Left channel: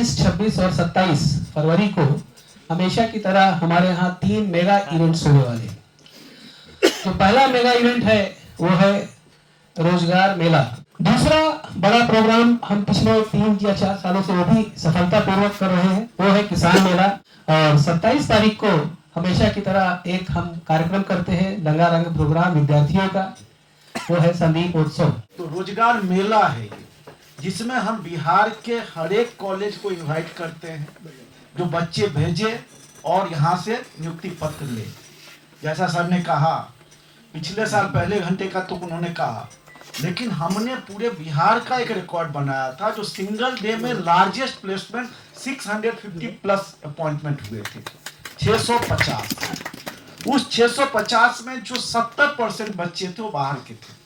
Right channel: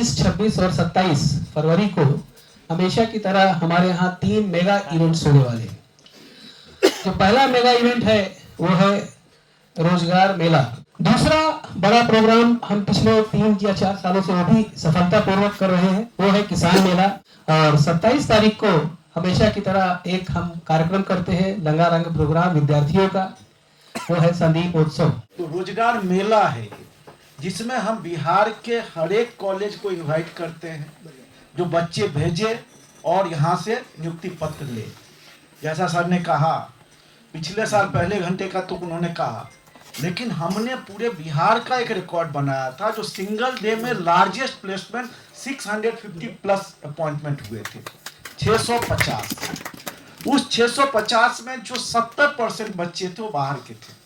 25, 26 और 27 फरवरी को हमेशा की तरह हमारे यहाँ 3 मेगा इवेंट्स होने वाले हैं। जो पहला मेगा इवेंट है वो है रोजगार मेला। दूसरा बड़ा प्रोग्राम हम पिछले 3 या 4 सालों से वो भी सफलतापूर्वक कर रहे हैं, वो है किसान मेला। और 27 तारीख को हमेशा की तरह एक हम कार्यक्रम करते हैं रंगारंग प्रोग्राम विद्यार्थियों का, वो है संदीप उत्सव। तो रोजगार मेला है जिसमें हम बिहार के हर एक कॉलेज को इनवाइट करते हैं, जो बच्चे भेजे और यहाँ से नियुक्ति पत्र ले। जैसा सर ने कहा, पिछले साल पहले घंटे का तो उन्होंने कहा, लेकिन हमने पूरे बिहार का एक रिकॉर्ड बनाया था जो सिंगल डे में लार्जेस्ट प्लेसमेंट 650 प्लस अपॉइंटमेंट हुए थे, 650। उस 650 में जो 70% बच्चे थे वो बाहर के थे।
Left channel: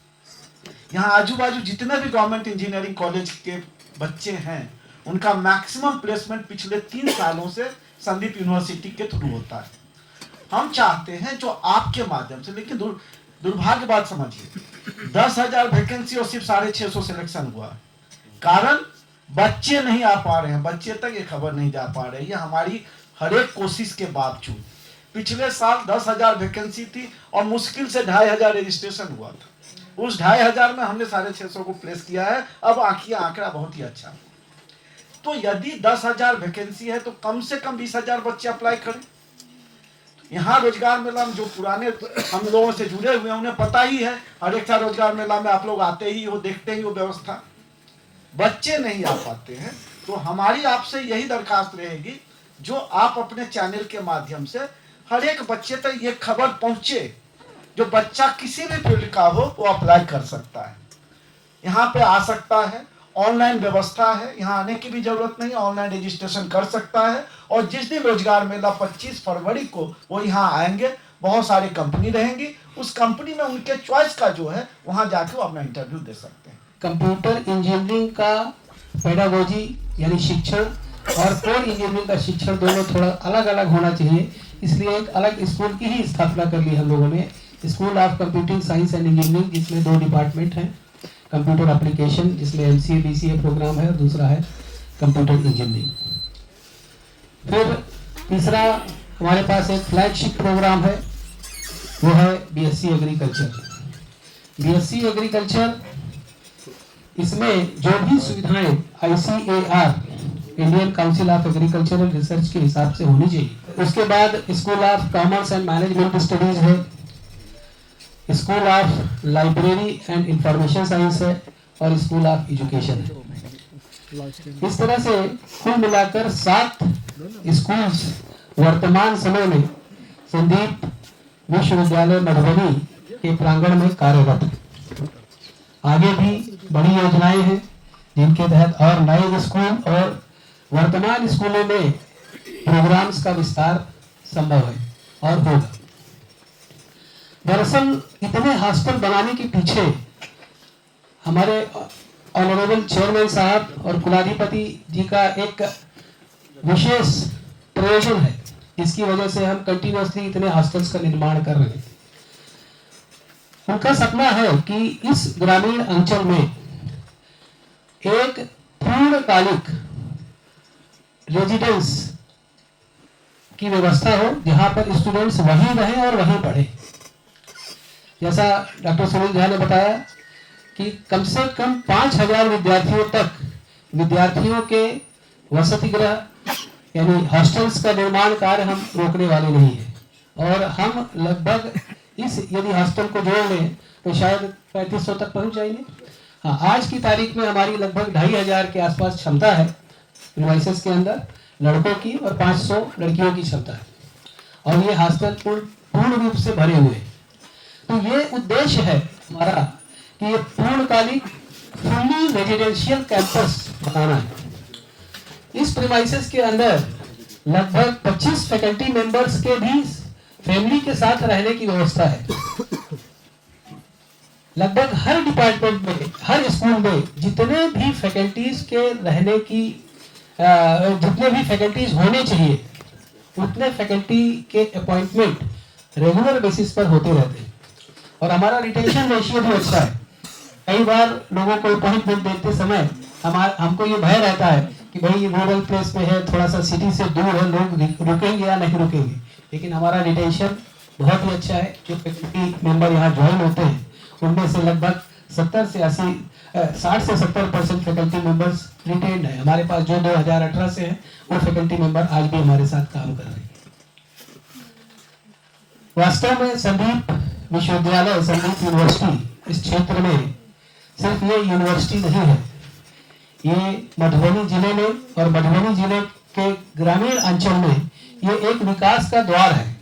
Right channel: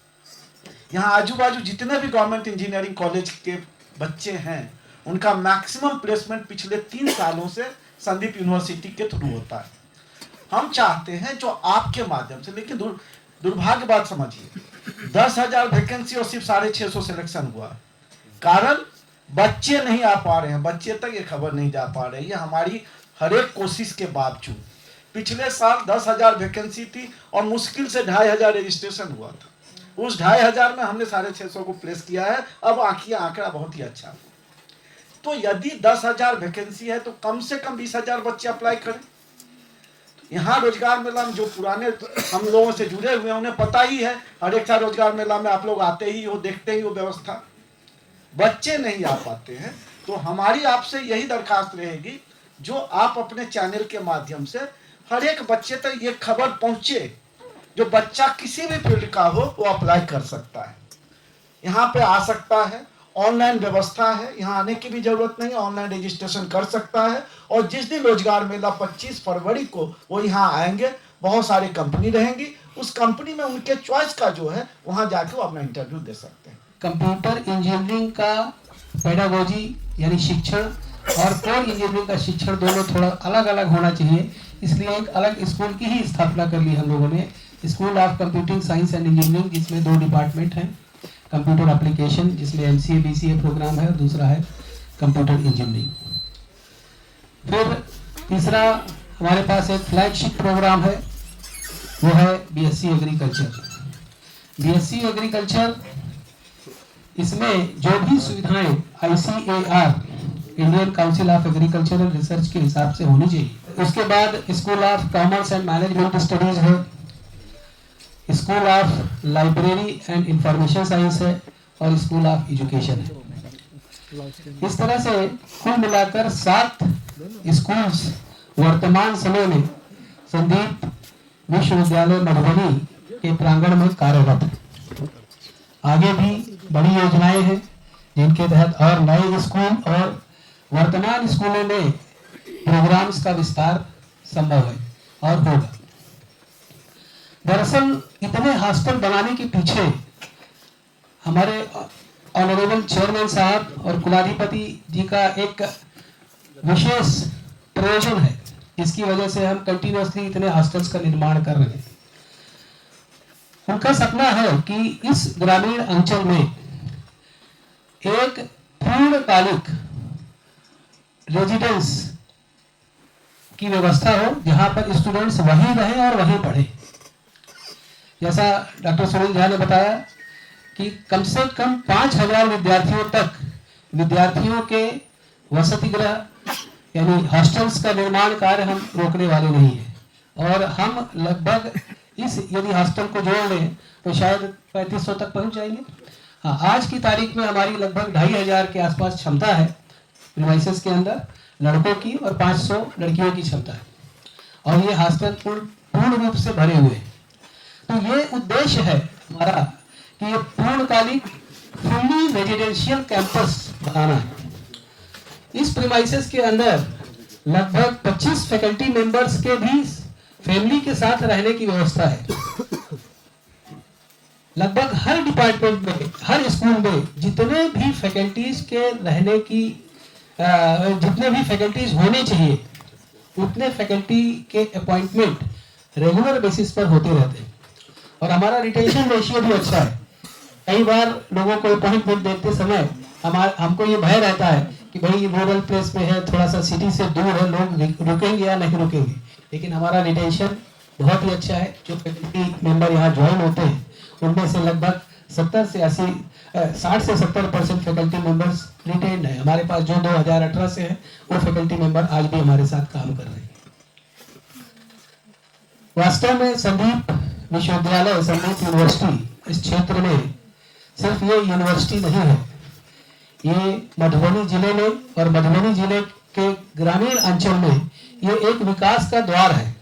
यहाँ आजू बाजू जितने भी गवर्नमेंट इंजीनियरिंग कॉलेज के बच्चे हैं उनका मैक्सिमम प्लेसमेंट पिछले 3 सालों से संदीप यूनिवर्सिटी के थ्रू होता है। हम चाहते हैं जो आपके माध्यम से, लेकिन दुर्भाग्य बात समझिए, 10,000 वैकेंसी और सिर्फ 650 सिलेक्शन हुआ। कारण बच्चे नहीं आ पा रहे हैं, बच्चे तक ये खबर नहीं जा पा रही है हमारी हर एक कोशिश के बावजूद। पिछले साल 10,000 वैकेंसी थी और मुश्किल से 2,500 रजिस्ट्रेशन हुआ था। उस 2,500 में हमने 650 को प्लेस किया है। अब आंकड़ा बहुत ही अच्छा। तो यदि 10,000 वैकेंसी है तो कम से कम 20,000 बच्चे अप्लाई करें। यहाँ रोजगार मेला में जो पुराने हम लोगों से जुड़े हुए हैं उन्हें पता ही है, हर एक साल रोजगार मेला में आप लोग आते ही हो, देखते ही हो व्यवस्था। बच्चे नहीं आ पाते हैं तो हमारी आपसे यही दरखास्त रहेगी, जो आप अपने चैनल के माध्यम से हर एक बच्चे तक ये खबर पहुंचे, जो बच्चा किसी भी फील्ड का हो वो अप्लाई कर सकता है, यहाँ पे आ सकता है। ऑनलाइन व्यवस्था है, यहाँ आने की भी जरूरत नहीं, ऑनलाइन रजिस्ट्रेशन कर सकता है। और जिस दिन रोजगार मेला 25 फरवरी को वो यहाँ आएंगे, बहुत सारी कंपनी रहेंगी, उस कंपनी में उनके चॉइस का जो है वहाँ जाके वो अपना इंटरव्यू दे सकते हैं। कंप्यूटर इंजीनियरिंग का पेडागोजी यानी शिक्षण और कोर इंजीनियरिंग का शिक्षण दोनों थोड़ा अलग अलग होना चाहिए, इसलिए एक अलग स्कूल की ही स्थापना कर ली हम लोगों ने, school of computing science and engineering, जिसमें 2 डिपार्टमेंट हैं, कंप्यूटर एप्लीकेशन जिसमें MCA BCA प्रोग्राम है और दूसरा है कंप्यूटर इंजीनियरिंग। फिर तीसरा हमारे पास एक फ्लैगशिप प्रोग्राम है, वो है BSc एग्रीकल्चर। BSc एग्रीकल्चर, इसमें जो भी सुविधाएं ICAR Indian council of agricultural research के हिसाब से होनी चाहिए। उसके बाद school of commerce and management studies है, school of library and information science है और स्कूल ऑफ एजुकेशन है। इस तरह से कुल मिलाकर 7 स्कूल्स वर्तमान समय में संदीप विश्वविद्यालय मधुबनी के प्रांगण में कार्यरत है। आगे भी बड़ी योजनाएं हैं जिनके तहत और नए स्कूल और वर्तमान स्कूलों में प्रोग्राम्स का विस्तार संभव है और होगा। दरअसल इतने हॉस्टल बनाने के पीछे हमारे ऑनरेबल चेयरमैन साहब और कुलाधिपति जी का एक विशेष प्रयोजन है, जिसकी वजह से हम कंटिन्यूअसली इतने हॉस्टल्स का निर्माण कर रहे हैं। उनका सपना है कि इस ग्रामीण अंचल में एक पूर्णकालिक रेजिडेंस की व्यवस्था हो, जहां पर स्टूडेंट्स वहीं रहें और वहीं पढ़े। जैसा डॉक्टर सुनील झा ने बताया कि कम से कम 5,000 विद्यार्थियों के वसति गृह यानी हॉस्टल्स का निर्माण कार्य हम रोकने वाले नहीं है। और हम लगभग इस यदि हॉस्टल को जोड़ लें तो शायद 3500 तक पहुंच जाएंगे। हाँ, आज की तारीख में हमारी लगभग 2,500 के आसपास क्षमता है प्रीमाइसेस के अंदर लड़कों की और 500 लड़कियों की क्षमता है, और ये हॉस्टल पूर्ण रूप से भरे हुए हैं। तो ये उद्देश्य है हमारा कि ये पूर्णकालिक फुल्ली रेजिडेंशियल कैंपस बनाना है। इस प्रीमाइसेस के अंदर लगभग 25 फैकल्टी मेंबर्स के भी फैमिली के साथ रहने की व्यवस्था है। लगभग हर डिपार्टमेंट में, हर स्कूल में जितने भी फैकल्टीज के रहने की जितने भी फैकल्टीज होने चाहिए उतने फैकल्टी के अपॉइंटमेंट रेगुलर बेसिस पर होते रहते हैं। और हमारा रिटेंशन रेशियो भी अच्छा है। कई बार लोगों को अपॉइंटमेंट देते समय हमको ये भय रहता है कि भाई रूरल प्लेस पे है, थोड़ा सा सिटी से दूर है, लोग रुकेंगे या नहीं रुकेंगे, लेकिन हमारा रिटेंशन बहुत ही अच्छा है। जो फैकल्टी मेंबर यहाँ ज्वाइन होते हैं उनमें से लगभग 60 से 70% फैकल्टी मेंबर्स रिटेन्ड है। हमारे पास जो 2018 से है वो फैकल्टी मेंबर आज भी हमारे साथ काम कर रहे हैं। वास्तव में संदीप विश्वविद्यालय, संदीप यूनिवर्सिटी इस क्षेत्र में सिर्फ ये यूनिवर्सिटी नहीं है, ये मधुबनी जिले में और मधुबनी जिले के ग्रामीण अंचल में ये एक विकास का द्वार है।